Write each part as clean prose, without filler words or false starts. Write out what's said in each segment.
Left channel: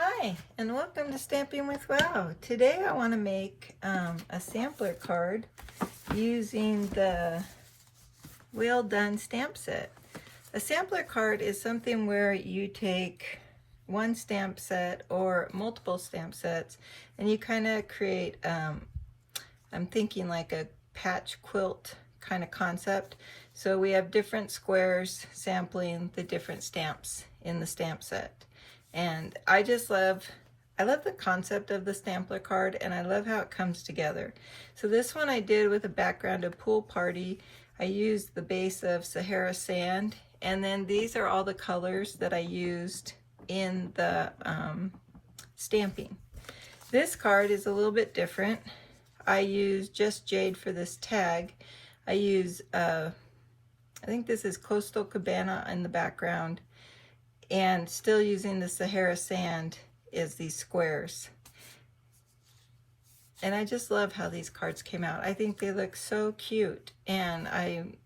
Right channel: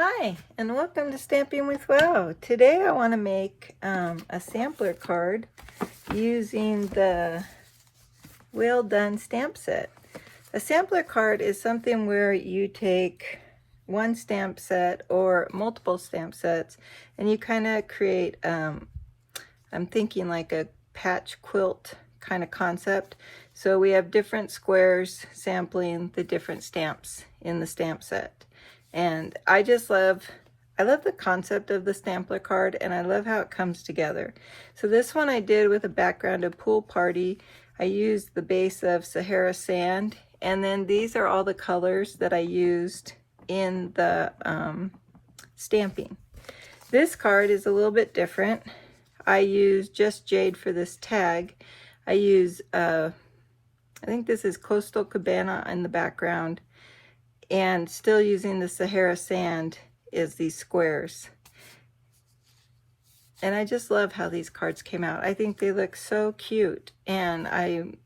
Hi, and welcome to Stamping with Wow. Today I want to make a sampler card using the Well Done stamp set. A sampler card is something where you take one stamp set or multiple stamp sets and you kind of create, I'm thinking like a patch quilt kind of concept. So we have different squares sampling the different stamps in the stamp set. And I love the concept of the sampler card, and I love how it comes together. So this one I did with a background of Pool Party. I used the base of Sahara Sand, and then these are all the colors that I used in the stamping. This card is a little bit different. I use Just Jade for this tag. I use, I think this is Coastal Cabana in the background, and still using the Sahara Sand is these squares. And I just love how these cards came out. I think they look so cute, and I'm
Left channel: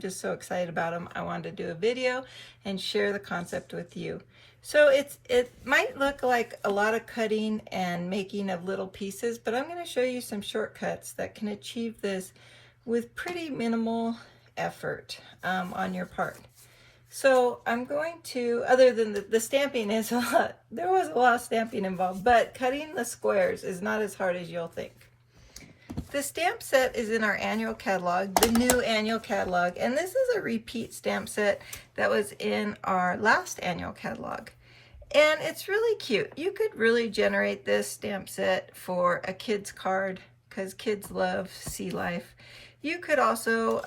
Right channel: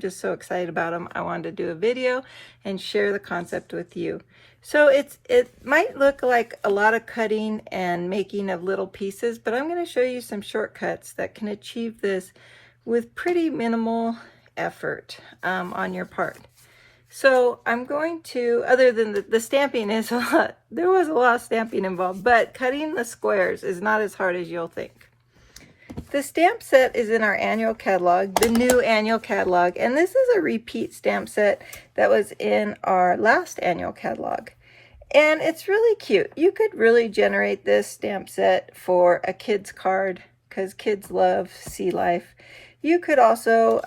just so excited about them. I wanted to do a video and share the concept with you. So it might look like a lot of cutting and making of little pieces, but I'm going to show you some shortcuts that can achieve this with pretty minimal effort on your part. So I'm going to, other than the stamping is a lot, there was a lot of stamping involved, but cutting the squares is not as hard as you'll think. The stamp set is in our annual catalog, the new annual catalog, and this is a repeat stamp set that was in our last annual catalog. And it's really cute. You could really generate this stamp set for a kid's card because kids love sea life. You could also,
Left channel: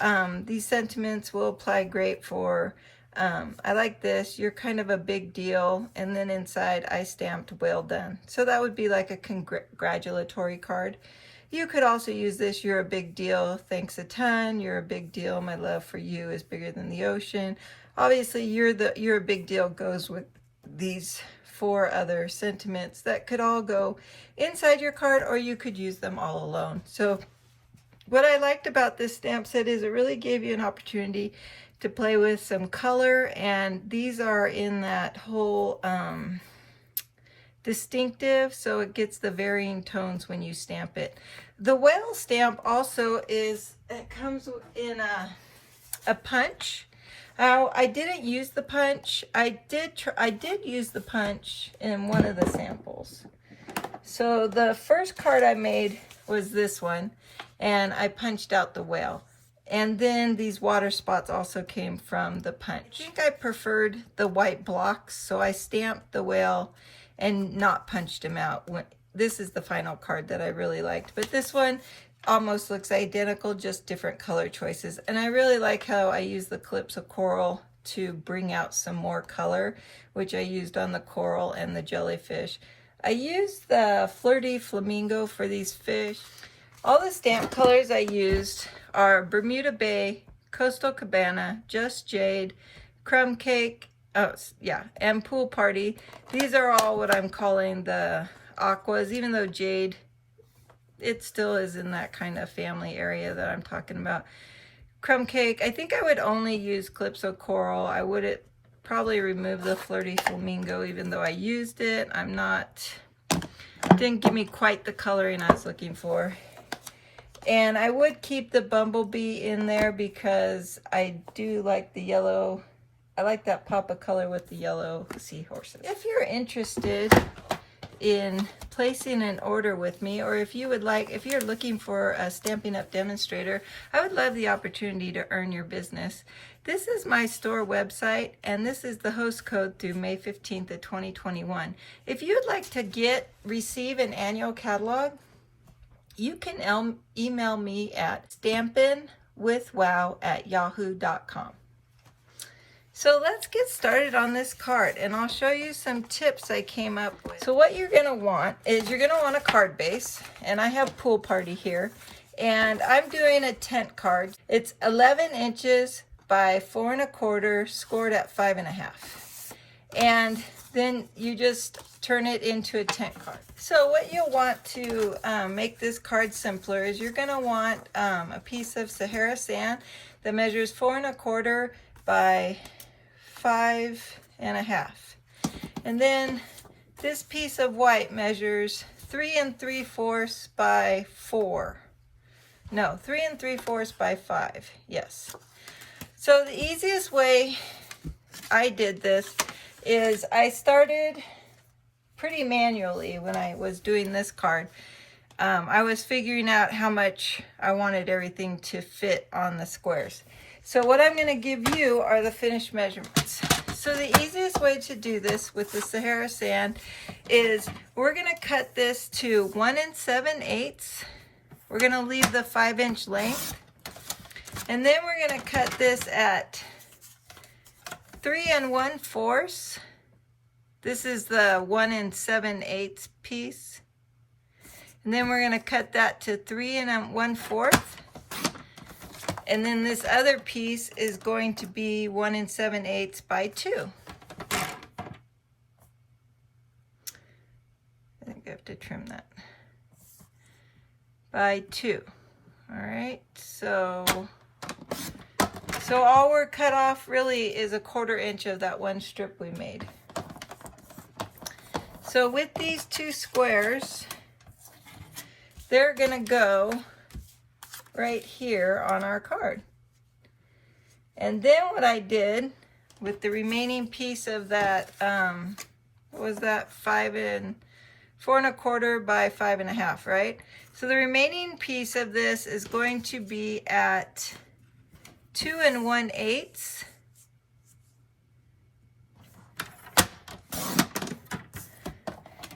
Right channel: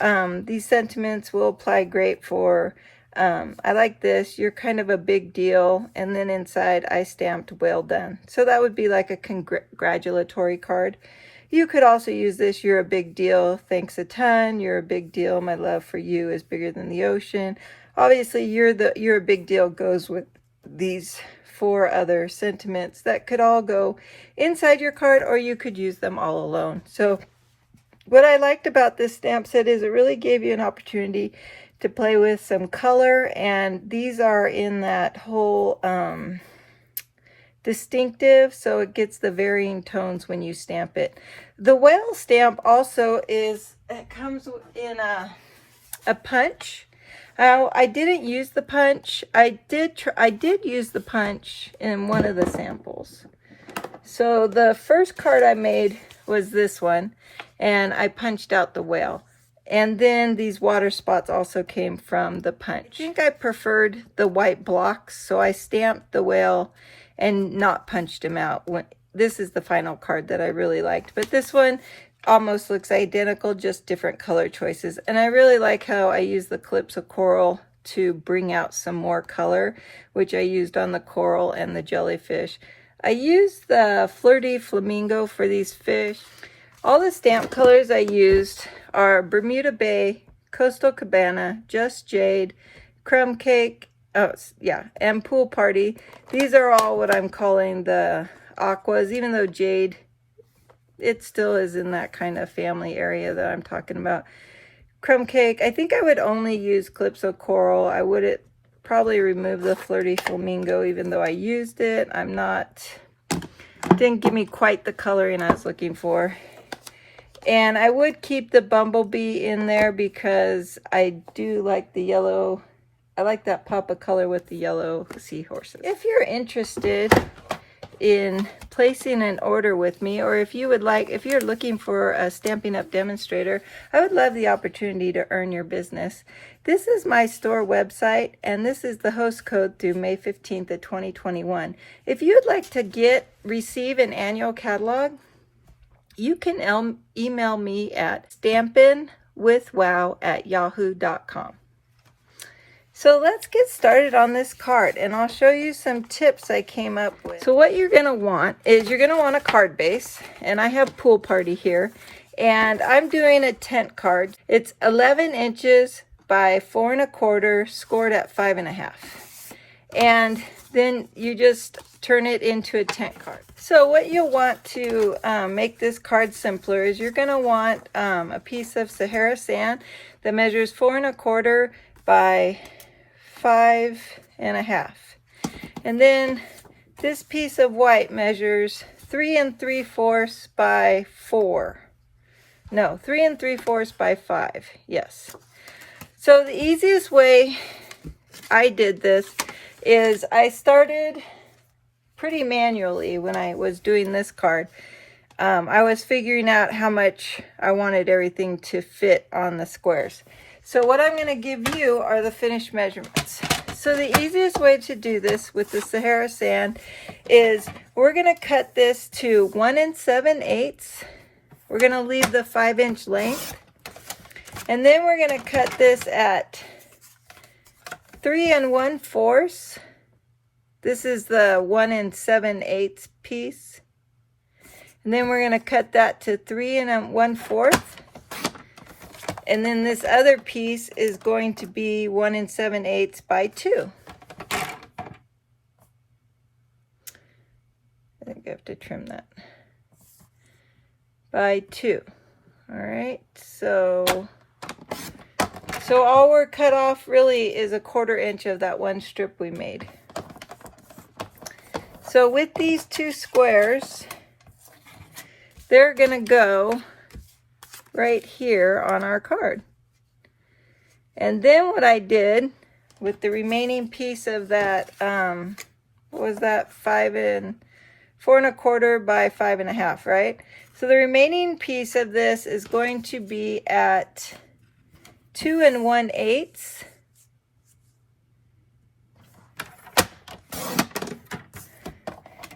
these sentiments will apply great for I like this, you're kind of a big deal, and then inside I stamped well done. So that would be like a congratulatory card. You could also use this, you're a big deal, thanks a ton, you're a big deal, my love for you is bigger than the ocean. Obviously you're a big deal goes with these 4 other sentiments that could all go inside your card, or you could use them all alone. So what I liked about this stamp set is it really gave you an opportunity to play with some color, and these are in that whole distinctive, so it gets the varying tones when you stamp it. The whale stamp also it comes in a punch. I didn't use the punch. I did use the punch in one of the samples. So the first card I made was this one, and I punched out the whale. And then these water spots also came from the punch. I think I preferred the white blocks, so I stamped the whale and not punched him out. This is the final card that I really liked. But this one almost looks identical, just different color choices. And I really like how I use the Calypso Coral to bring out some more color, which I used on the coral and the jellyfish. I used the Flirty Flamingo for these fish. All the stamp colors I used are Bermuda Bay, Coastal Cabana, Just Jade, Crumb Cake, and Pool Party. These are all what I'm calling the aquas, even though Jade, it still is in that kind of family area that I'm talking about. Crumb Cake, I think I would only use Calypso Coral. I would probably remove the Flirty Flamingo, even though I used it. Didn't give me quite the coloring I was looking for. And I would keep the bumblebee in there because I do like the yellow. I like that pop of color with the yellow seahorses. If you're interested in placing an order with me, or if you're looking for a Stampin' Up demonstrator, I would love the opportunity to earn your business. This is my store website, and this is the host code through May 15th of 2021. If you'd like to receive an annual catalog, you can email me at stampinwithwow@yahoo.com. So let's get started on this card, and I'll show you some tips I came up with. So what you're going to want is you're going to want a card base, and I have Pool Party here, and I'm doing a tent card. It's 11 inches by 4 1/4, scored at 5 1/2. And then you just turn it into a tent card. So what you'll want to make this card simpler is you're going to want a piece of Sahara Sand that measures 4 1/4 by 5 1/2. And then this piece of white measures 3 3/4 by 4. No, 3 3/4 by 5. Yes. So the easiest way I did this is I started pretty manually when I was doing this card. I was figuring out how much I wanted everything to fit on the squares. So what I'm going to give you are the finished measurements. So the easiest way to do this with the Sahara sand is we're going to cut this to 1 7/8. We're going to leave the 5-inch length. And then we're going to cut this at 3 1/4. This is the 1 7/8 piece. And then we're going to cut that to 3 1/4. And then this other piece is going to be 1 7/8 by 2. I think I have to trim that. By 2. All right, so all we're cut off really is 1/4 inch of that one strip we made. So with these two squares, they're gonna go right here on our card. And then what I did with the remaining piece of that, what was that, 4 1/4 by 5 1/2, right? So the remaining piece of this is going to be at 2 1/8.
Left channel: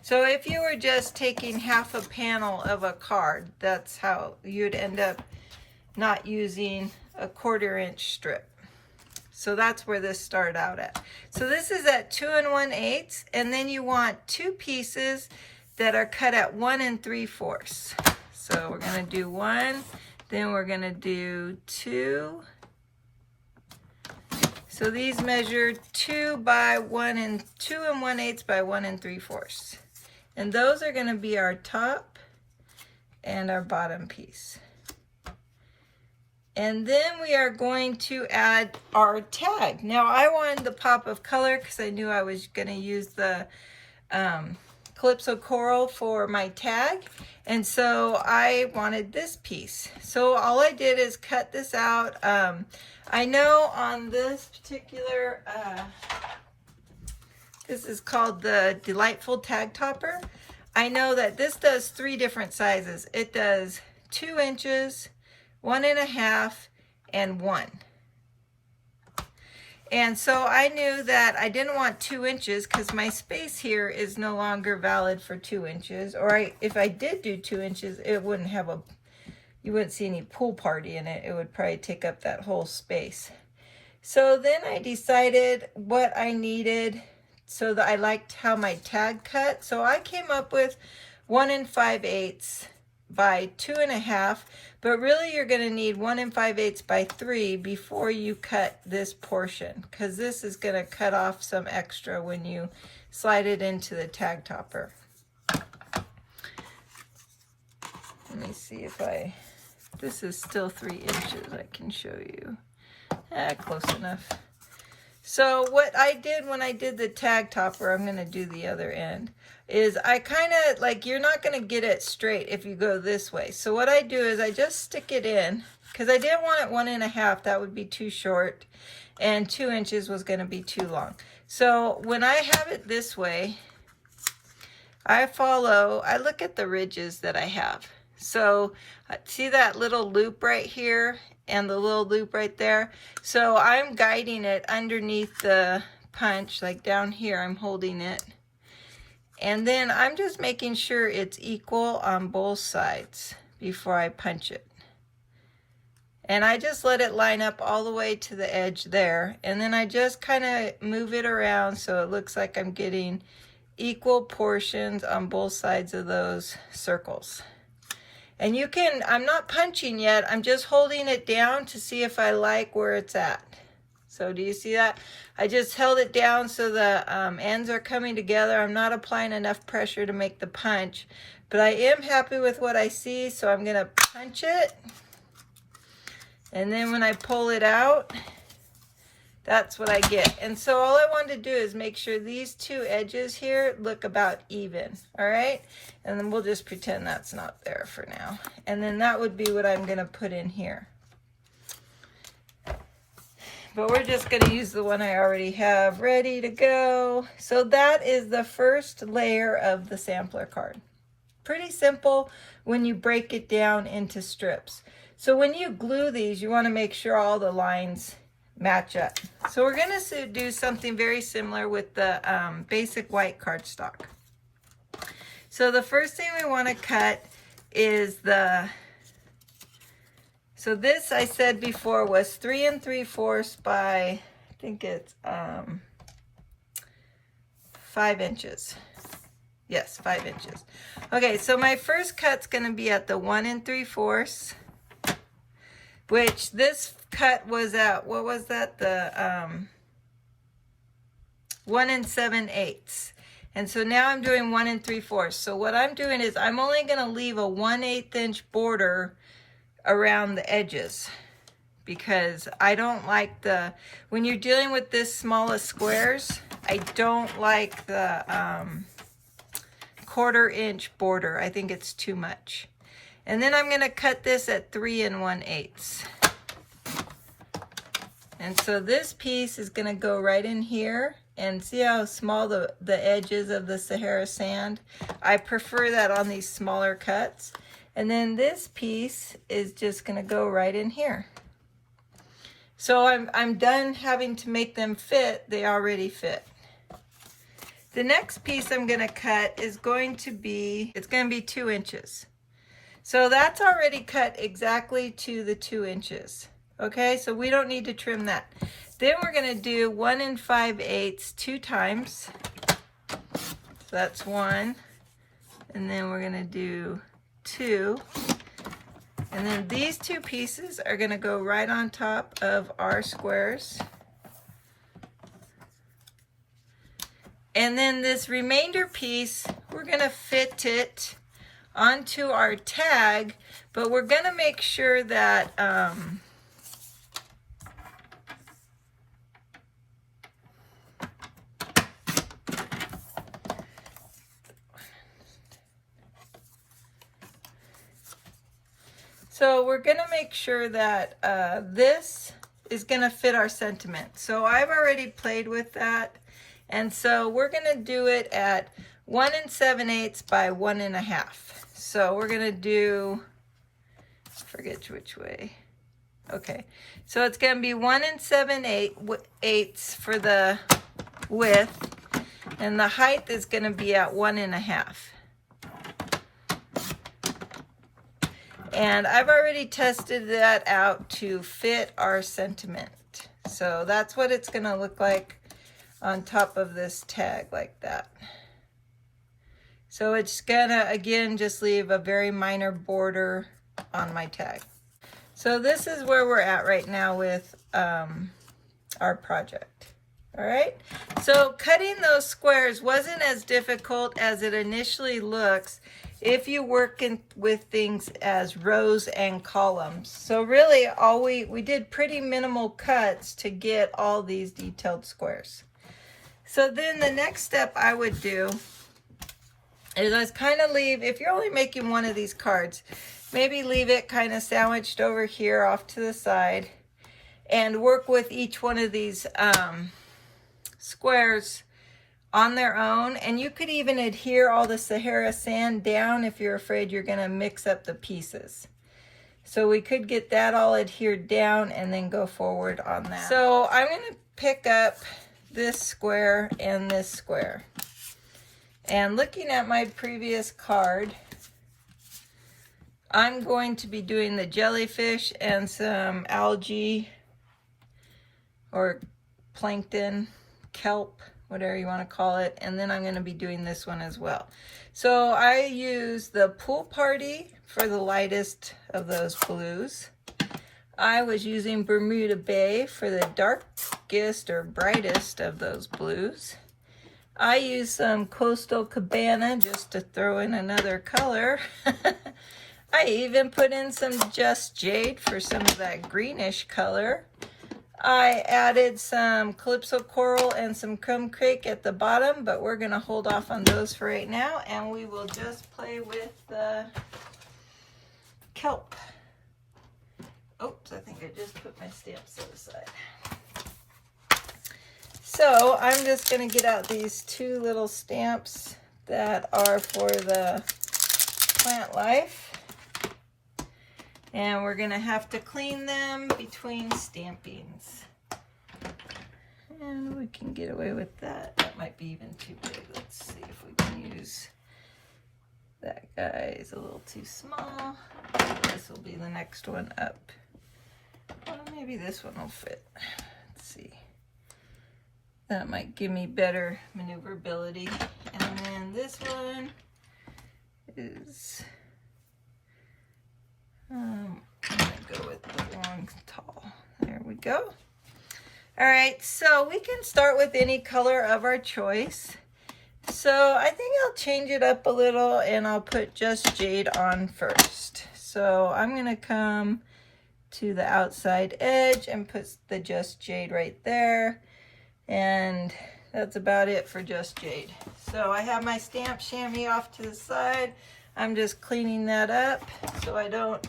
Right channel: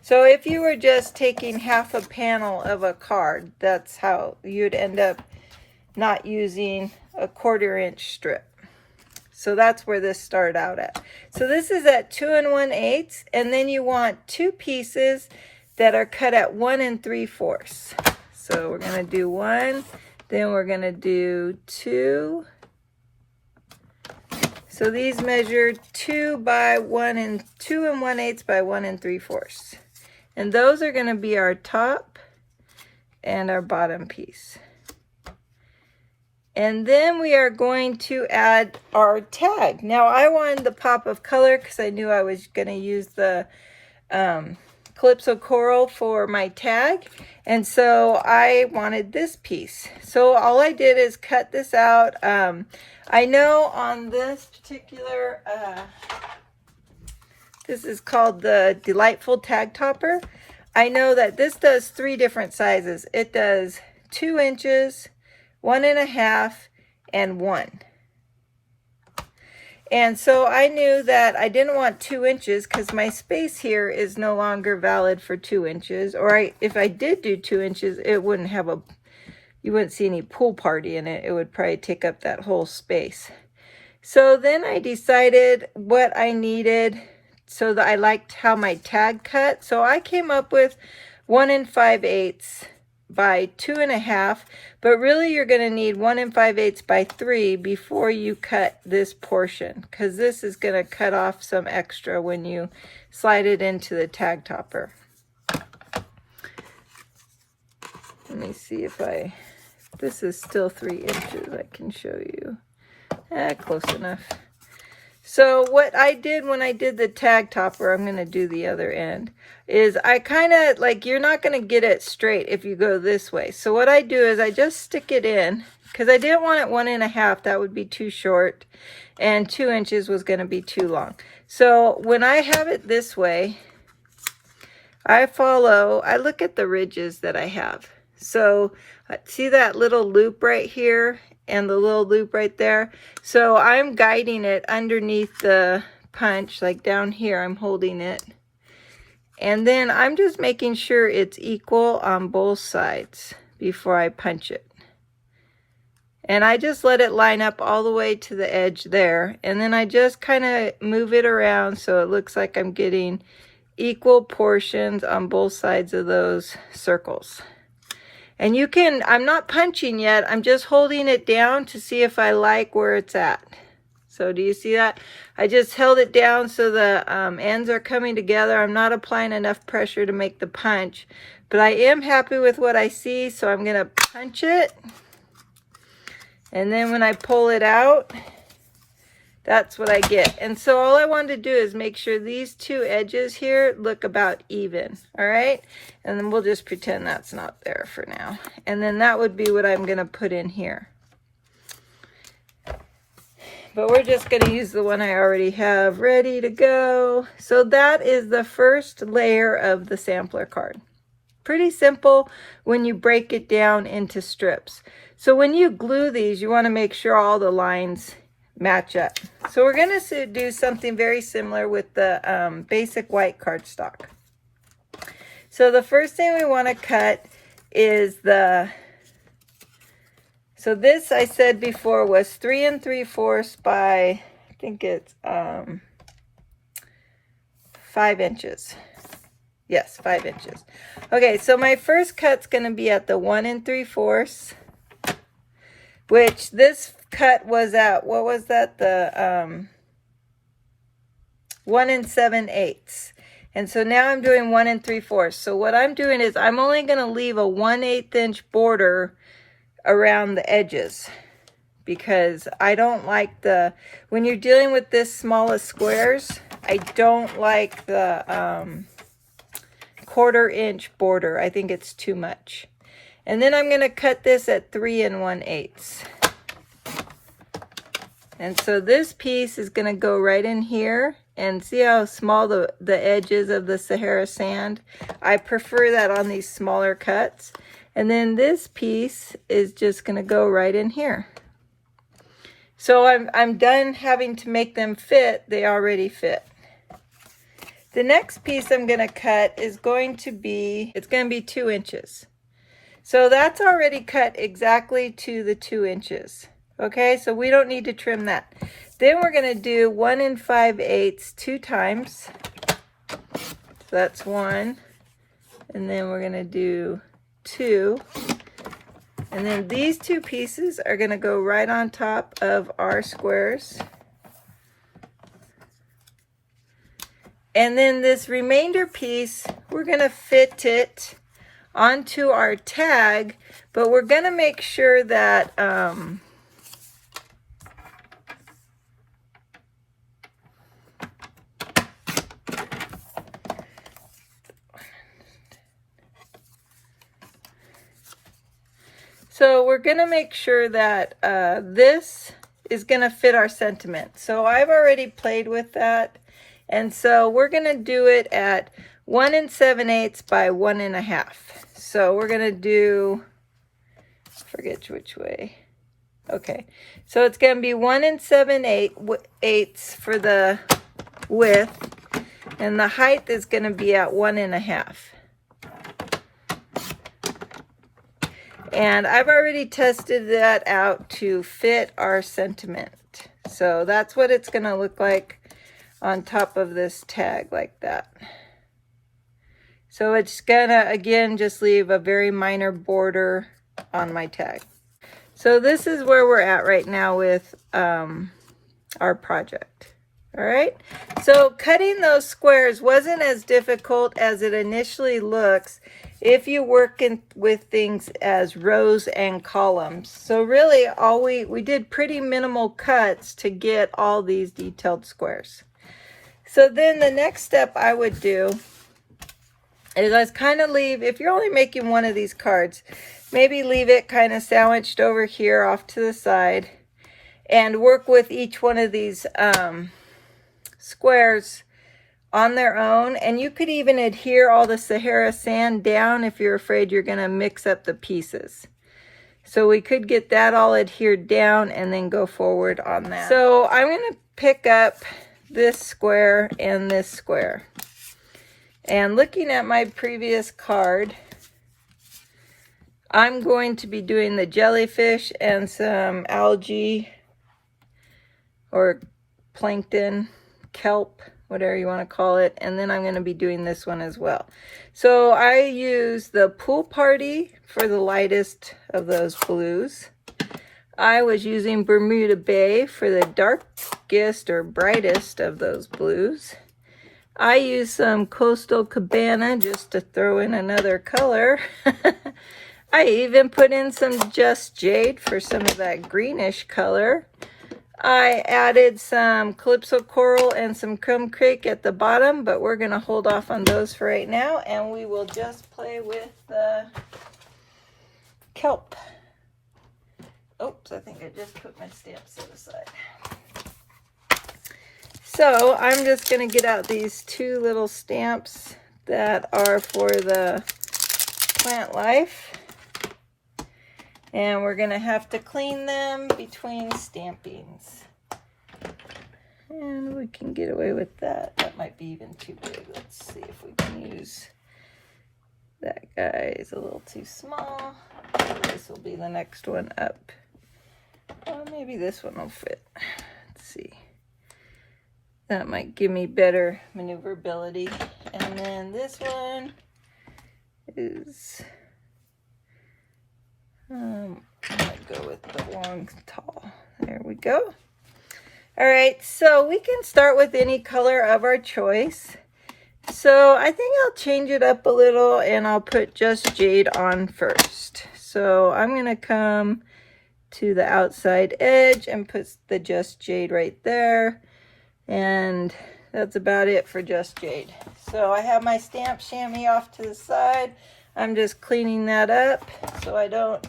So if you were just taking half a panel of a card, that's how you'd end up not using a 1/4 inch strip. So that's where this started out at. So this is at 2 1/8, and then you want two pieces that are cut at 1 3/4. So we're going to do 1, then we're going to do 2. So these measure 2 by 1 and 2 1/8 by 1 3/4. And those are going to be our top and our bottom piece. And then we are going to add our tag. Now I wanted the pop of color because I knew I was going to use the Calypso Coral for my tag. And so I wanted this piece. So all I did is cut this out. I know on this particular, this is called the Delightful Tag Topper. I know that this does 3 different sizes. It does 2 inches, 1 1/2, and 1. And so I knew that I didn't want 2 inches because my space here is no longer valid for 2 inches. Or if I did do 2 inches, it wouldn't have you wouldn't see any pool party in it. It would probably take up that whole space. So then I decided what I needed so that I liked how my tag cut. So I came up with 1 5/8 by 2 1/2, but really you're going to need 1 5/8 by 3 before you cut this portion, because this is going to cut off some extra when you slide it into the tag topper. Let me see if this is still 3 inches. I can show you. Close enough. So what I did when I did the tag topper, I'm going to do the other end, is I kind of, like, you're not going to get it straight if you go this way. So what I do is I just stick it in, because I didn't want it 1 1/2. That would be too short, and 2 inches was going to be too long. So when I have it this way, I look at the ridges that I have. So see that little loop right here and the little loop right there? So I'm guiding it underneath the punch, like down here I'm holding it. And then I'm just making sure it's equal on both sides before I punch it. And I just let it line up all the way to the edge there. And then I just kind of move it around so it looks like I'm getting equal portions on both sides of those circles. And you can, I'm not punching yet, I'm just holding it down to see if I like where it's at. So do you see that? I just held it down so the ends are coming together. I'm not applying enough pressure to make the punch, but I am happy with what I see, so I'm gonna punch it. And then when I pull it out, that's what I get. And so all I want to do is make sure these two edges here look about even, all right? And then we'll just pretend that's not there for now. And then that would be what I'm gonna put in here. But we're just gonna use the one I already have ready to go. So that is the first layer of the sampler card. Pretty simple when you break it down into strips. So when you glue these, you wanna make sure all the lines match up. So we're going to do something very similar with the basic white cardstock. So the first thing we want to cut is so this I said before was 3 3/4 by, I think it's 5 inches. Yes, 5 inches. Okay, so my first cut's going to be at the 1 3/4, which this cut was at, what was that? The 1 7/8. And so now I'm doing 1 3/4. So what I'm doing is I'm only going to leave a 1/8 inch border around the edges, because I don't like when you're dealing with this small of squares, I don't like the 1/4 inch border. I think it's too much. And then I'm going to cut this at 3 1/8. And so this piece is going to go right in here, and see how small the edges of the Sahara sand. I prefer that on these smaller cuts. And then this piece is just going to go right in here. So I'm done having to make them fit. They already fit. The next piece I'm going to cut is going to be, it's going to be 2 inches. So that's already cut exactly to the 2 inches. Okay, so we don't need to trim that. Then we're going to do 1 5/8 2 times. So that's 1. And then we're going to do 2. And then these 2 pieces are going to go right on top of our squares. And then this remainder piece, we're going to fit it onto our tag, but we're going to make sure that this is going to fit our sentiment. So I've already played with that. And so we're going to do it at 1 7/8 by 1 1/2. So we're going to do, forget which way. Okay, so it's going to be 1 7/8 for the width, and the height is going to be at 1 1/2. And I've already tested that out to fit our sentiment. So that's what it's going to look like on top of this tag, like that. So it's gonna, again, just leave a very minor border on my tag. So this is where we're at right now with our project. All right, so cutting those squares wasn't as difficult as it initially looks if you work with things as rows and columns. So really all we did pretty minimal cuts to get all these detailed squares. So then the next step I would do is I kind of leave, if you're only making one of these cards, maybe leave it kind of sandwiched over here off to the side and work with each one of these squares on their own. And you could even adhere all the Sahara sand down if you're afraid you're going to mix up the pieces. So we could get that all adhered down and then go forward on that. So I'm going to pick up this square and this square. And looking at my previous card, I'm going to be doing the jellyfish and some algae or plankton, kelp, whatever you want to call it. And then I'm going to be doing this one as well. So I use the Pool Party for the lightest of those blues. I was using Bermuda Bay for the darkest or brightest of those blues. I use some Coastal Cabana just to throw in another color. I even put in some Just Jade for some of that greenish color. I added some Calypso Coral and some Crumb Cake at the bottom, but we're going to hold off on those for right now, and we will just play with the kelp. Oops, I think I just put my stamps to the side. So I'm just going to get out these two little stamps that are for the plant life. And we're going to have to clean them between stampings. And we can get away with that. That might be even too big. Let's see if we can use... That guy is a little too small. This will be the next one up. Well, maybe this one will fit. Let's see. That might give me better maneuverability. And then this one is... I'm gonna go with the long tall. There we go. All right, so we can start with any color of our choice. So I think I'll change it up a little and I'll put Just Jade on first. So I'm gonna come to the outside edge and put the Just Jade right there. And that's about it for Just Jade. So I have my stamp chamois off to the side. I'm just cleaning that up so I don't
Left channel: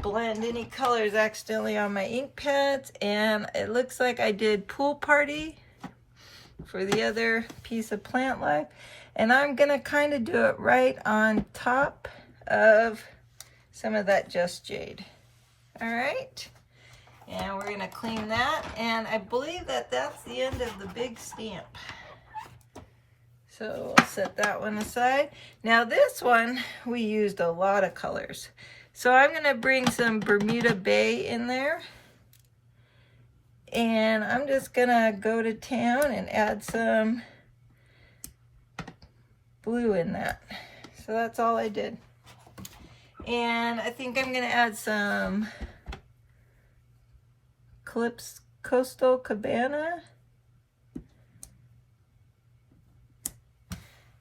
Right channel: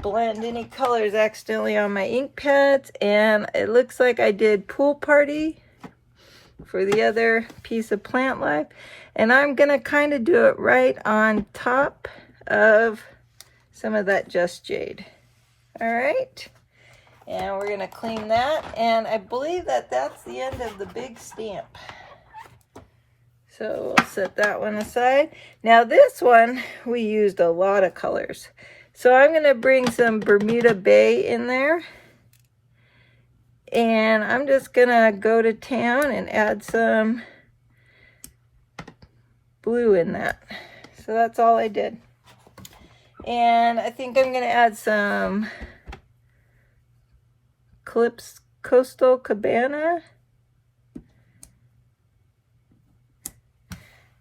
blend any colors accidentally on my ink pads. And it looks like I did Pool Party for the other piece of Plant Life. And I'm gonna kind of do it right on top of some of that Just Jade. All right. And we're gonna clean that. And I believe that that's the end of the big stamp. So we'll set that one aside. Now this one, we used a lot of colors. So I'm gonna bring some Bermuda Bay in there. And I'm just gonna go to town and add some blue in that. So that's all I did. And I think I'm gonna add some Coastal Cabana.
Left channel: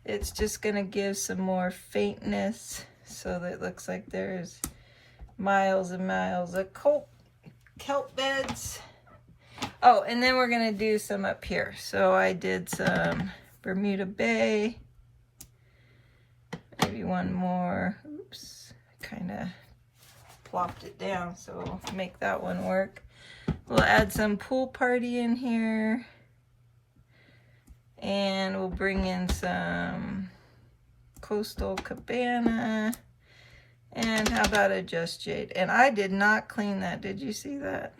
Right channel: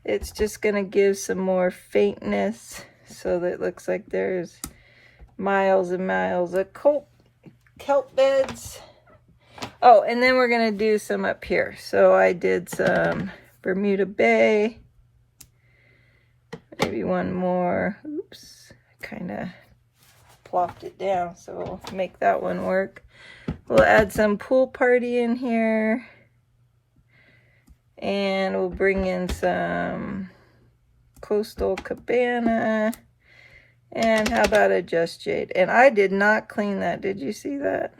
It's just gonna give some more faintness so that it looks like there's miles and miles of kelp beds. Oh, and then we're gonna do some up here. So I did some Bermuda Bay, maybe one more. Oops, I kind of plopped it down, so we'll make that one work. We'll add some Pool Party in here. And we'll bring in some Coastal Cabana. And how about a Just Jade? And I did not clean that. Did you see that?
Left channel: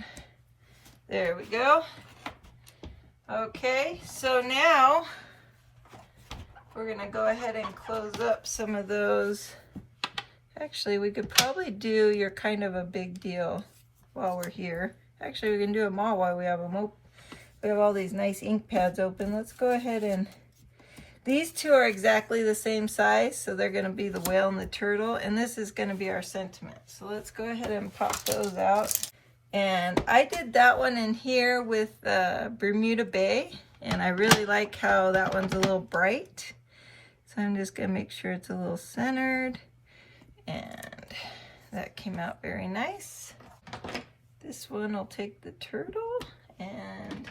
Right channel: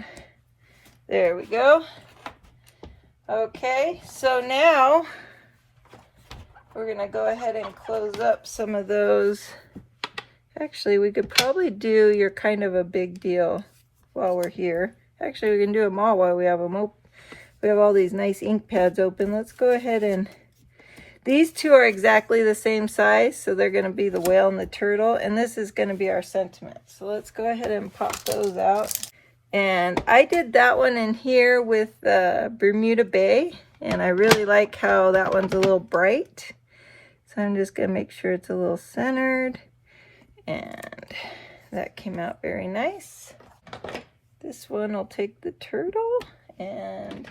There we go. Okay, so now we're going to go ahead and close up some of those. Actually, we could probably do You're Kind of a Big Deal while we're here. Actually, we can do them all while we have them open. We have all these nice ink pads open. Let's go ahead and... These two are exactly the same size, so they're going to be the whale and the turtle. And this is going to be our sentiment. So let's go ahead and pop those out. And I did that one in here with Bermuda Bay. And I really like how that one's a little bright. So I'm just going to make sure it's a little centered. And that came out very nice. This one will take the turtle. And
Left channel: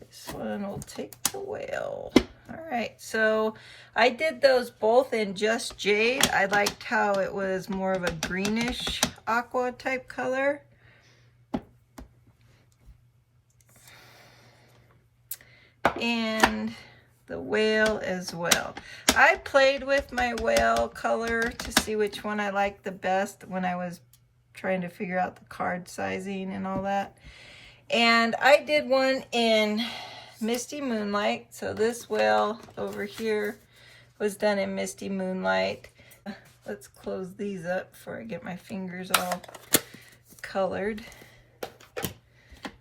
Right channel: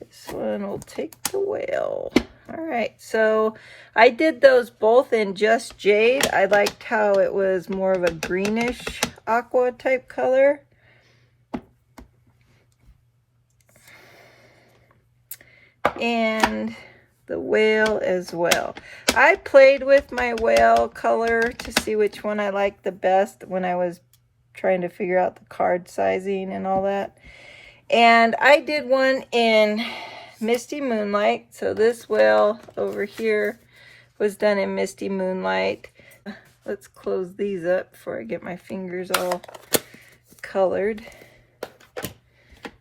this one will take the whale. All right, so I did those both in Just Jade. I liked how it was more of a greenish aqua type color. And the whale as well. I played with my whale color to see which one I liked the best when I was trying to figure out the card sizing and all that. And I did one in Misty Moonlight. So this whale over here was done in Misty Moonlight. Let's close these up before I get my fingers all colored.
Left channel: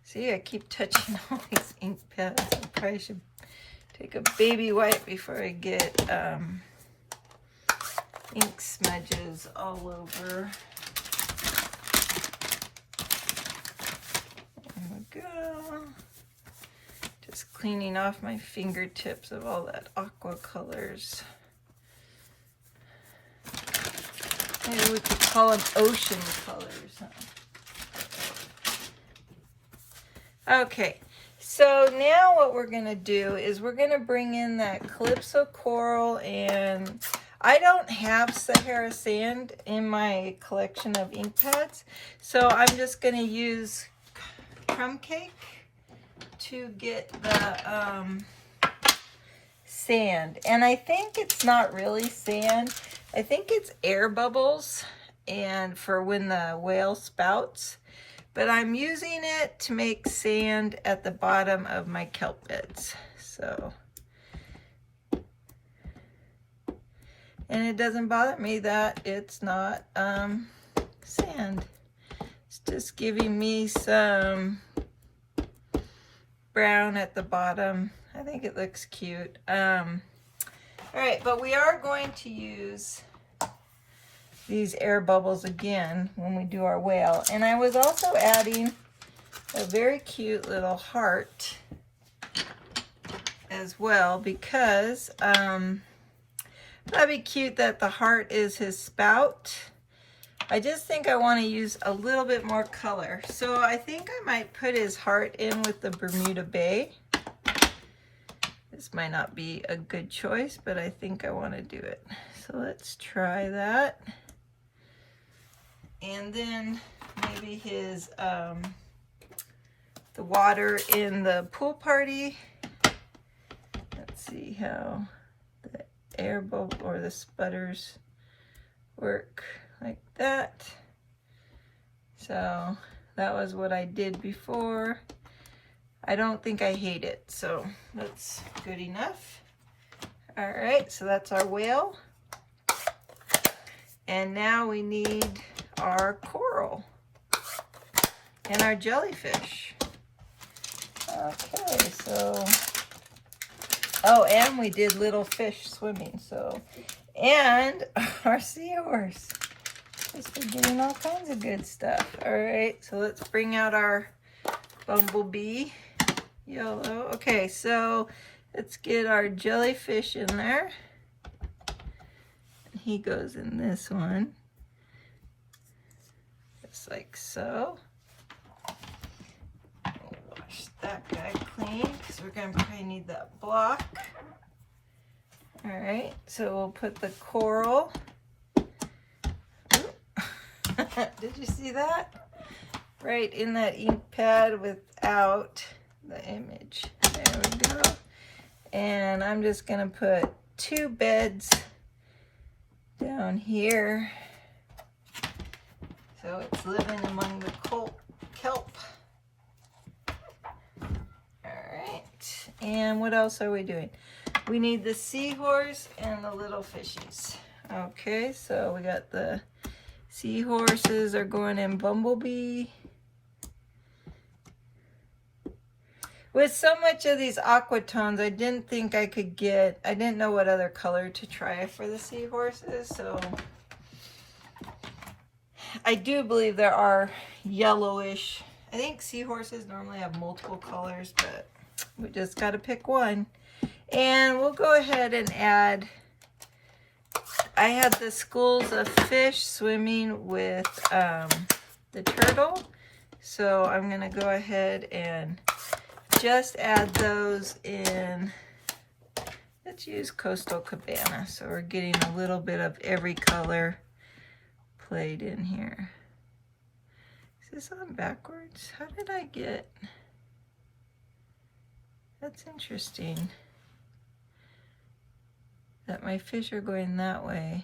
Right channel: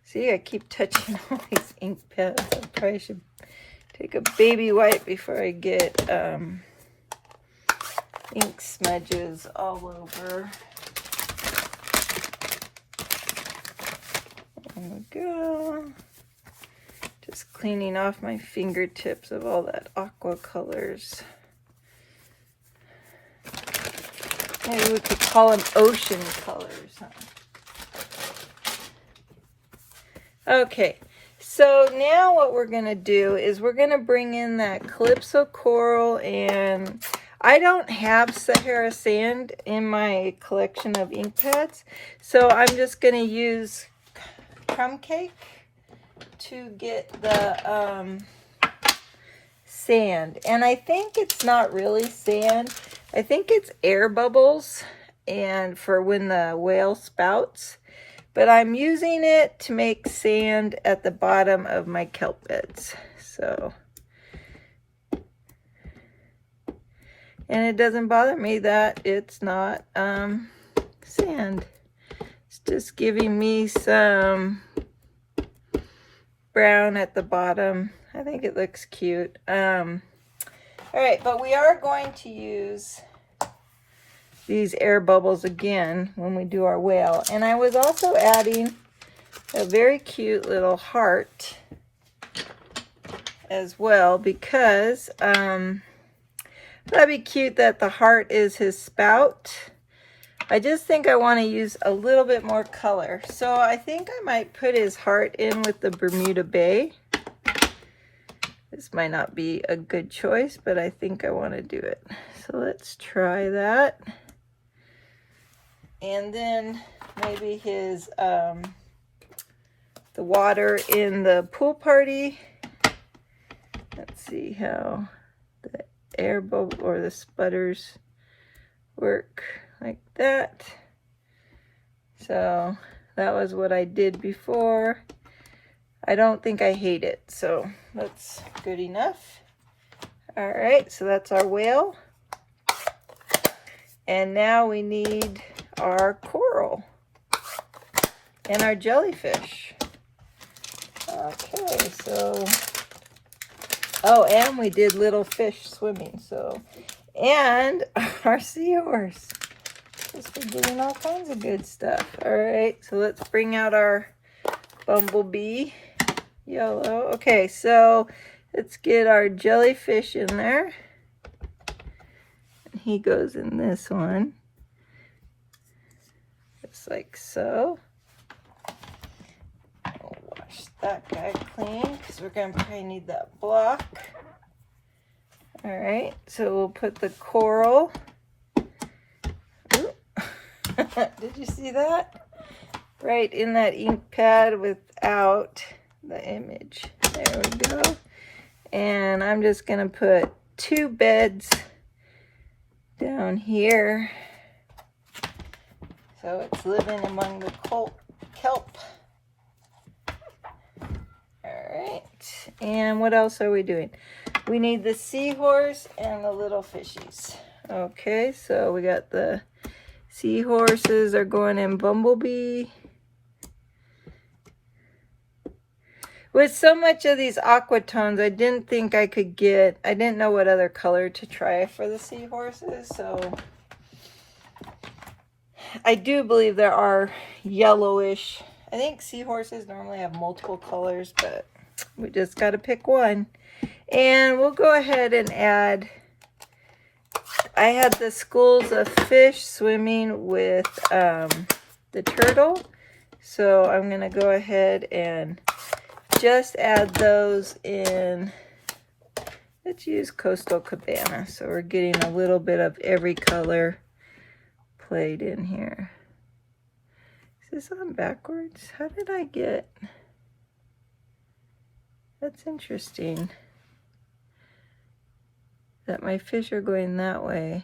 See, I keep touching all these ink pads. I probably should take a baby wipe before I get ink smudges all over. There we go. Just cleaning off my fingertips of all that aqua colors. Maybe we could call them ocean colors. Okay, so now what we're gonna do is we're gonna bring in that Calypso Coral, and I don't have Sahara Sand in my collection of ink pads, so I'm just gonna use Crumb Cake to get the sand. And I think it's not really sand. I think it's air bubbles and for when the whale spouts. But I'm using it to make sand at the bottom of my kelp beds. So, and it doesn't bother me that it's not sand. It's just giving me some brown at the bottom. I think it looks cute. All right, but we are going to use these air bubbles again when we do our whale. And I was also adding a very cute little heart as well, because that'd be cute that the heart is his spout. I just think I want to use a little bit more color. So I think I might put his heart in with the Bermuda Bay. This might not be a good choice, but I think I want to do it. So let's try that. And then maybe his, the water in the pool party. Let's see how the air bubble or the sputters work like that. So that was what I did before. I don't think I hate it, so that's good enough. All right, so that's our whale. And now we need our coral and our jellyfish. Okay, so, oh, and we did little fish swimming, so, and our seahorse. We're doing all kinds of good stuff. All right, so let's bring out our bumblebee yellow. Okay, so let's get our jellyfish in there. He goes in this one, just like so. We'll wash that guy clean because we're going to probably need that block. All right, so we'll put the coral. Did you see that? Right in that ink pad without the image. There we go. And I'm just going to put 2 beds down here. So it's living among the kelp. Alright, and what else are we doing? We need the seahorse and the little fishies. Okay, so we got the seahorses are going in bumblebee. With so much of these aqua tones, I didn't think I could get, I didn't know what other color to try for the seahorses, so I do believe there are yellowish. I think seahorses normally have multiple colors, but we just got to pick one. And we'll go ahead and add, I had the schools of fish swimming with the turtle, so I'm going to go ahead and just add those in. Let's use Coastal Cabana, so we're getting a little bit of every color played in here. Is this on backwards? How did I get? That's interesting that my fish are going that way.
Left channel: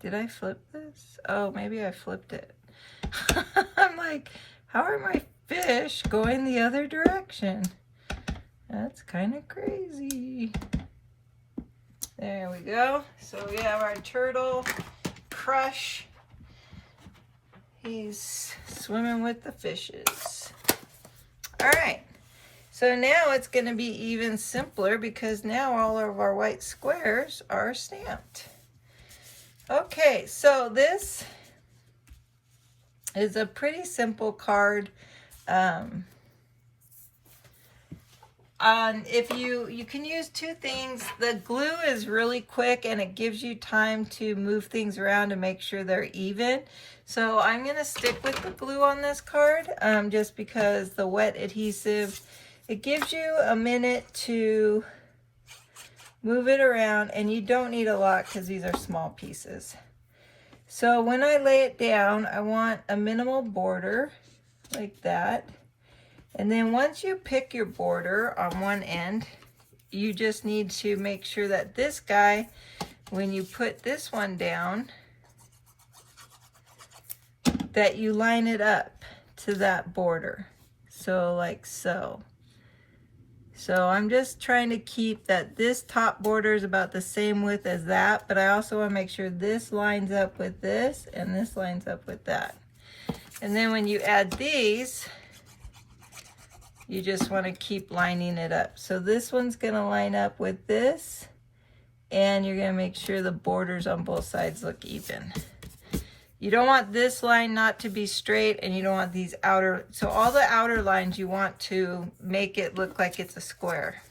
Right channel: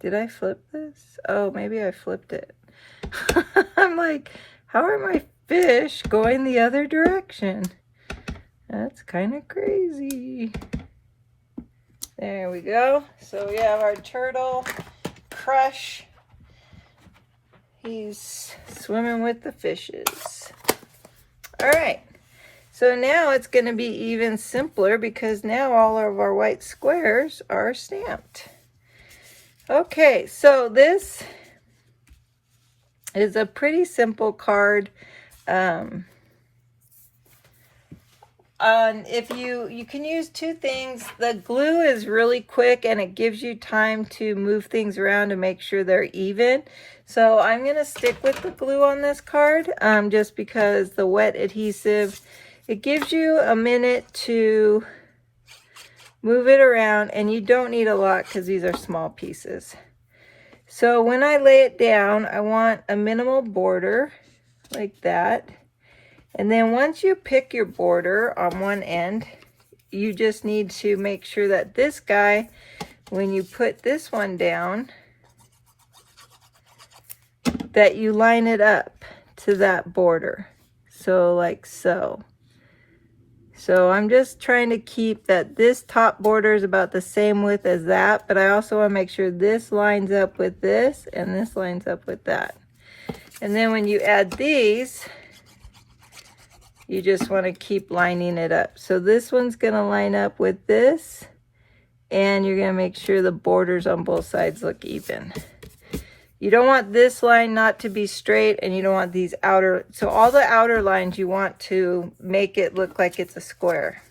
Did I flip this? Oh, maybe I flipped it. I'm like, how are my fish going the other direction? That's kind of crazy. There we go. So we have our turtle Crush. He's swimming with the fishes. All right. So now it's going to be even simpler because now all of our white squares are stamped. Okay, so this is a pretty simple card. if you can use two things. The glue is really quick and it gives you time to move things around to make sure they're even. So I'm going to stick with the glue on this card, just because the wet adhesive, it gives you a minute to move it around, and you don't need a lot because these are small pieces. So when I lay it down, I want a minimal border like that. And then once you pick your border on one end, you just need to make sure that this guy, when you put this one down, that you line it up to that border. So like so. So I'm just trying to keep that this top border is about the same width as that, but I also want to make sure this lines up with this and this lines up with that. And then when you add these, you just want to keep lining it up. So this one's going to line up with this, and you're going to make sure the borders on both sides look even. You don't want this line not to be straight, and you don't want these outer, so all the outer lines you want to make it look like it's a square.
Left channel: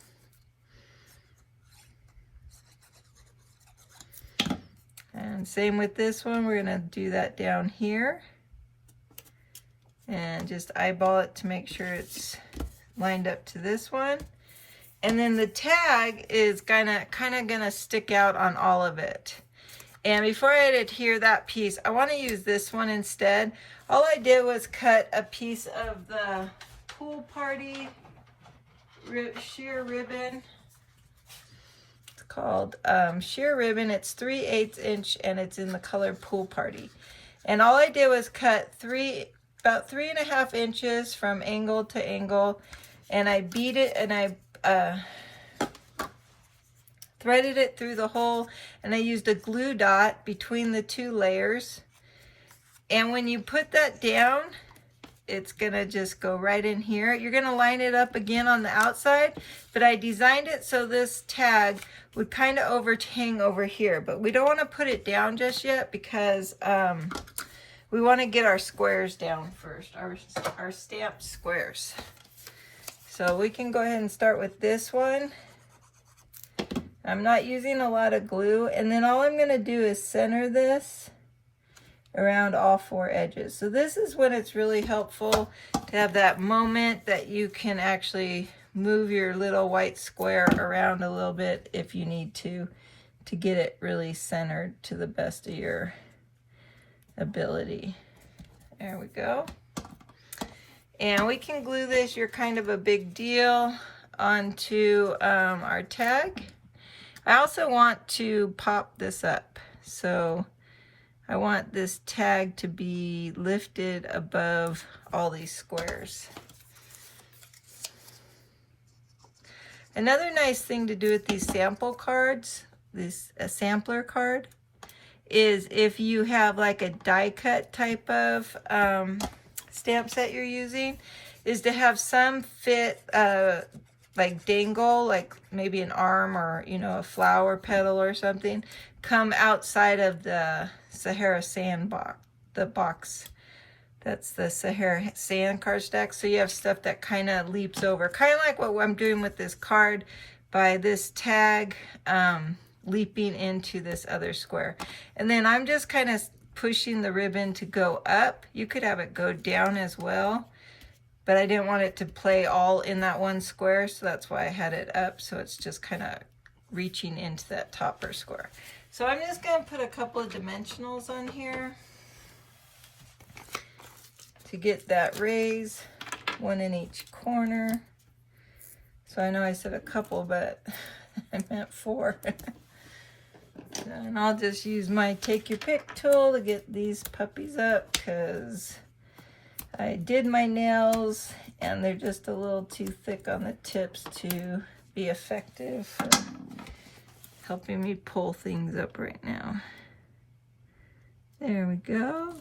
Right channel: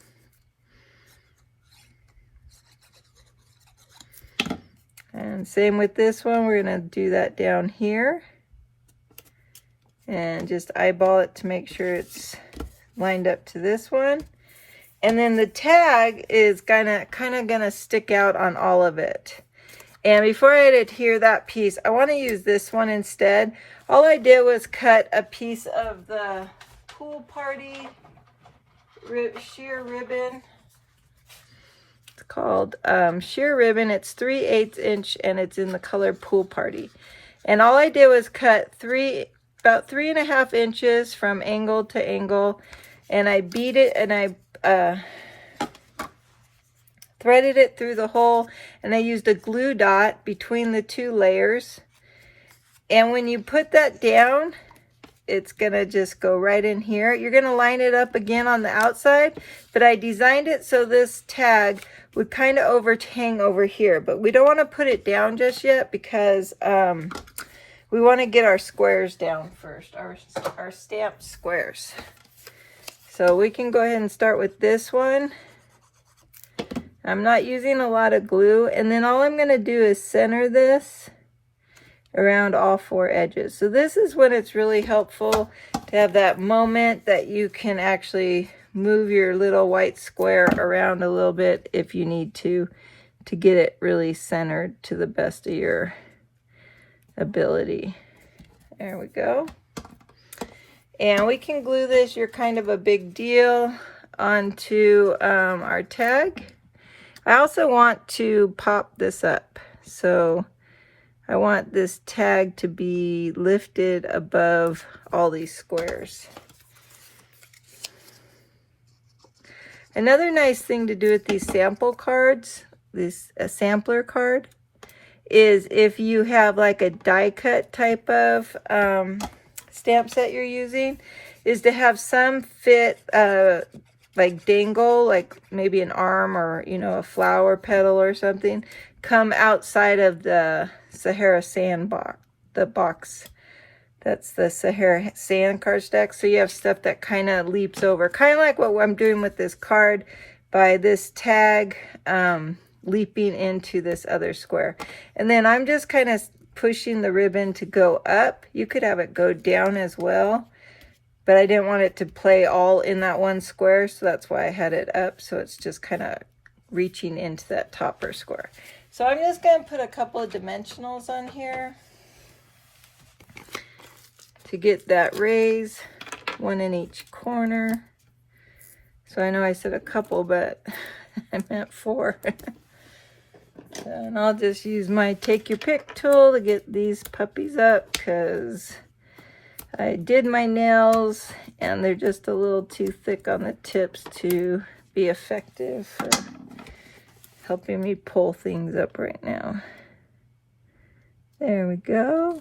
And same with this one, we're going to do that down here. And just eyeball it to make sure it's lined up to this one. And then the tag is kind of gonna stick out on all of it. And before I adhere that piece, I want to use this one instead. All I did was cut a piece of the pool party sheer ribbon. It's called sheer ribbon. It's 3/8 inch and it's in the color pool party. And all I did was cut about 3.5 inches from angle to angle, and I beat it and I threaded it through the hole, and I used a glue dot between the two layers. And when you put that down, it's gonna just go right in here. You're gonna line it up again on the outside, but I designed it so this tag would kind of overhang over here, but we don't want to put it down just yet because we want to get our squares down first, our stamped squares. So we can go ahead and start with this one. I'm not using a lot of glue, and then all I'm going to do is center this around all 4 edges. So this is when it's really helpful to have that moment that you can actually move your little white square around a little bit if you need to get it really centered to the best of your ability. There we go. And we can glue this, you're kind of a big deal, onto our tag. I also want to pop this up. So I want this tag to be lifted above all these squares. Another nice thing to do with these sample cards, a sampler card, is if you have like a die cut type of stamp set you're using, is to have some fit like dangle, like maybe an arm or, you know, a flower petal or something, come outside of the Sahara sand box, the box. That's the Sahara sand cardstock. So you have stuff that kind of leaps over, kind of like what I'm doing with this card by this tag leaping into this other square. And then I'm just kind of pushing the ribbon to go up. You could have it go down as well, but I didn't want it to play all in that one square, so that's why I had it up. So it's just kind of reaching into that topper square. So I'm just going to put a couple of dimensionals on here to get that raise, one in each corner. So I know I said a couple, but I meant 4. And I'll just use my take your pick tool to get these puppies up, because I did my nails and they're just a little too thick on the tips to be effective for helping me pull things up right now. There we go.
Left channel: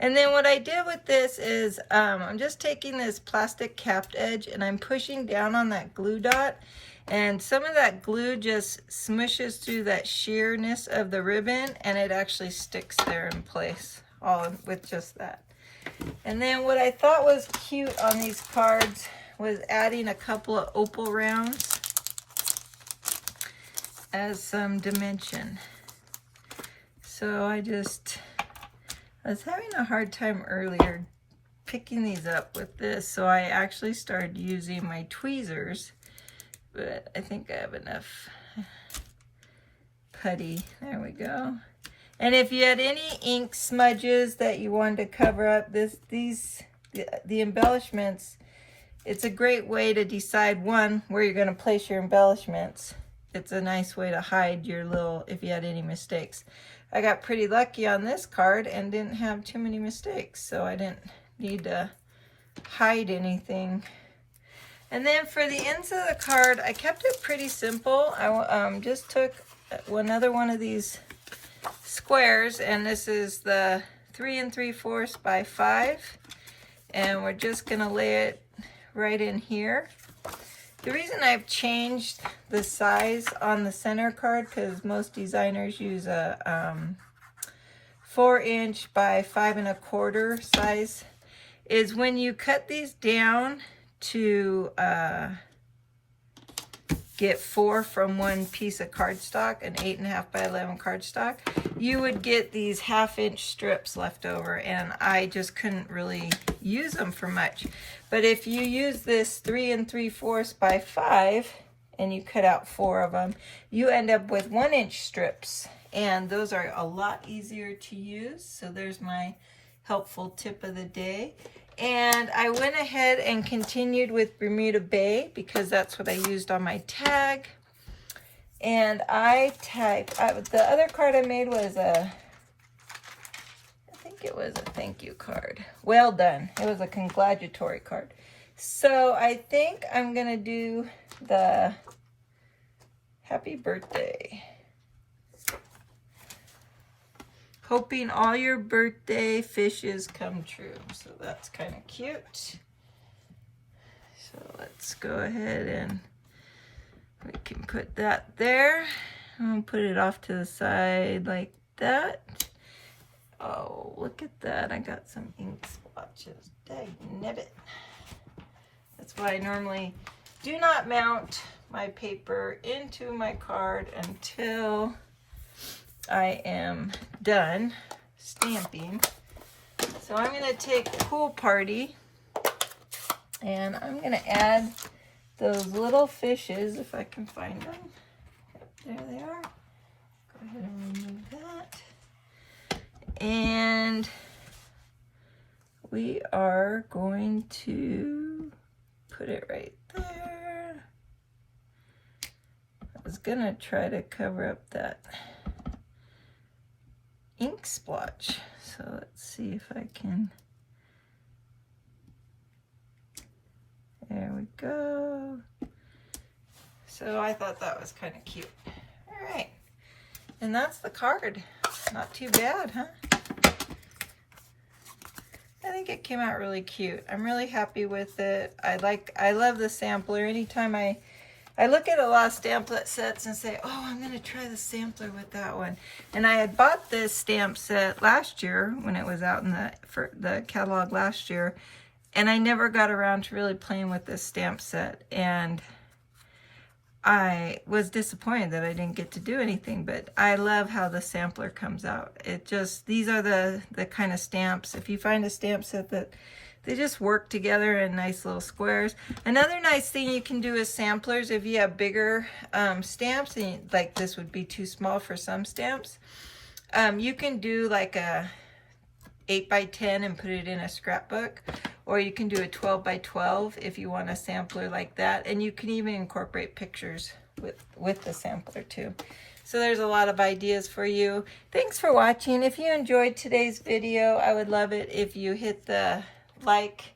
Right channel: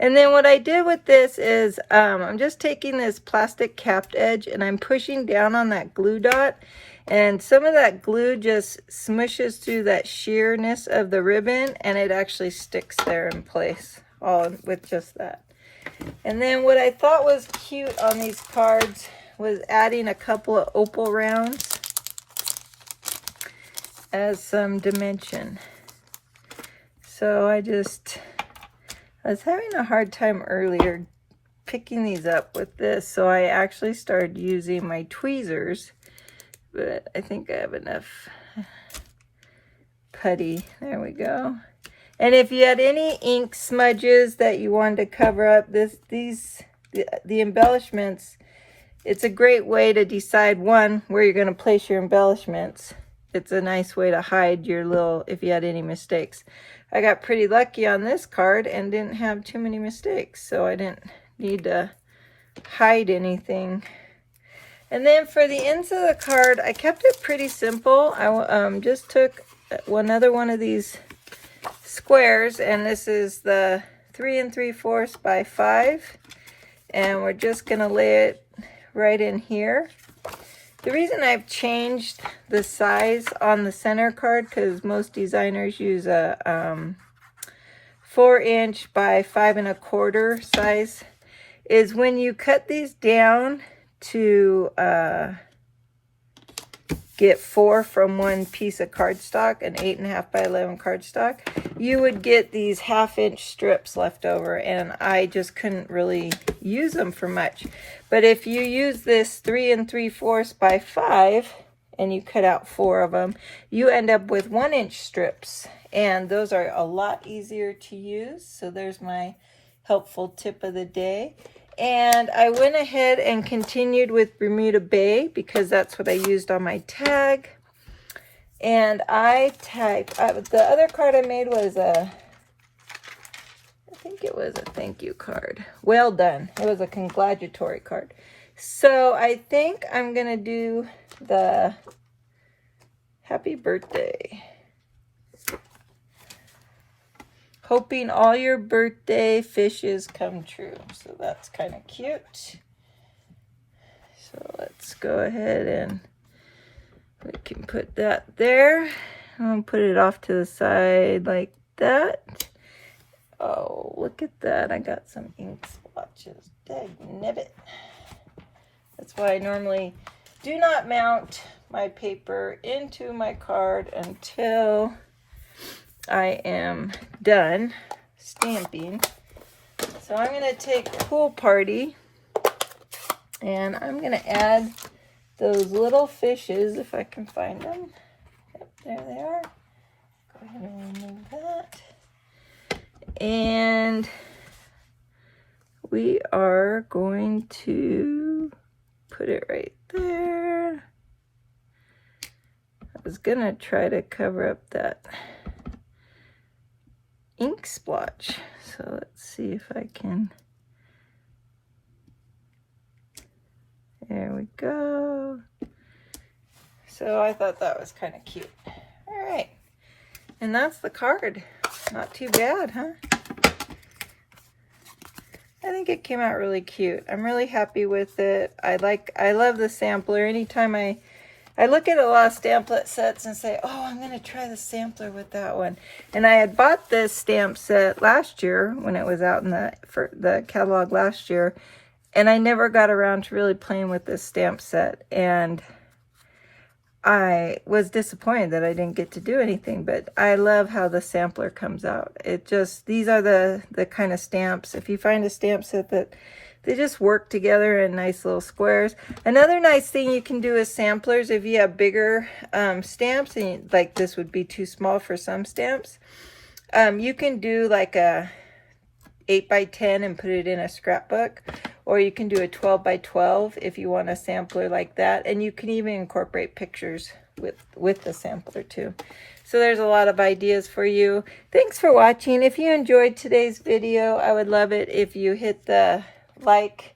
And then what I did with this is I'm just taking this plastic capped edge and I'm pushing down on that glue dot, and some of that glue just smushes through that sheerness of the ribbon and it actually sticks there in place all with just that. And then what I thought was cute on these cards was adding a couple of opal rounds as some dimension. So I was having a hard time earlier picking these up with this, so I actually started using my tweezers, but I think I have enough putty. There we go. And if you had any ink smudges that you wanted to cover up, the embellishments, it's a great way to decide, one, where you're going to place your embellishments. It's a nice way to hide your little, if you had any mistakes. I got pretty lucky on this card and didn't have too many mistakes, so I didn't need to hide anything. And then for the ends of the card, I kept it pretty simple. I just took another one of these squares, and this is the 3 3/4 by 5, and we're just going to lay it right in here. The reason I've changed the size on the center card, because most designers use a 4" by 5 1/4 size, is when you cut these down to get 4 from one piece of cardstock, an 8 1/2 by 11 cardstock, you would get these 1/2" strips left over, and I just couldn't really use them for much. But if you use this 3 3/4 by 5 and you cut out 4 of them, you end up with 1" strips, and those are a lot easier to use. So there's my helpful tip of the day. And I went ahead and continued with Bermuda Bay because that's what I used on my tag. And I tagged, the other card I made was I think it was a thank you card. Well done. It was a congratulatory card. So I think I'm going to do the happy birthday. Hoping all your birthday fishes come true. So that's kind of cute. So let's go ahead and we can put that there. I'll put it off to the side like that. Oh, look at that. I got some ink splotches. Dagnabbit. That's why I normally do not mount my paper into my card until I am done stamping. So I'm going to take Pool Party and I'm going to add those little fishes if I can find them. Yep, there they are. Go ahead and remove that. And we are going to put it right there. I was going to try to cover up that ink splotch. So let's see if I can. There we go. So I thought that was kind of cute. All right. And that's the card. Not too bad, huh? I think it came out really cute. I'm really happy with it. I love the sampler. Anytime I look at a lot of stamplet sets and say, oh, I'm going to try the sampler with that one. And I had bought this stamp set last year when it was out in the catalog last year. And I never got around to really playing with this stamp set. And I was disappointed that I didn't get to do anything. But I love how the sampler comes out. These are the kind of stamps. If you find a stamp set that they just work together in nice little squares. Another nice thing you can do with samplers, if you have bigger stamps, and like this would be too small for some stamps, you can do like a 8 by 10 and put it in a scrapbook, or you can do a 12 by 12 if you want a sampler like that, and you can even incorporate pictures with the sampler too. So there's a lot of ideas for you. Thanks for watching. If you enjoyed today's video, I would love it if you hit the like,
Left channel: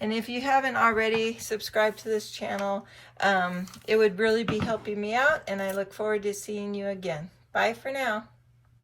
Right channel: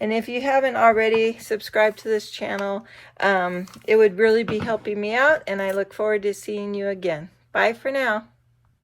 and if you haven't already subscribed to this channel, it would really be helping me out, and I look forward to seeing you again. Bye for now.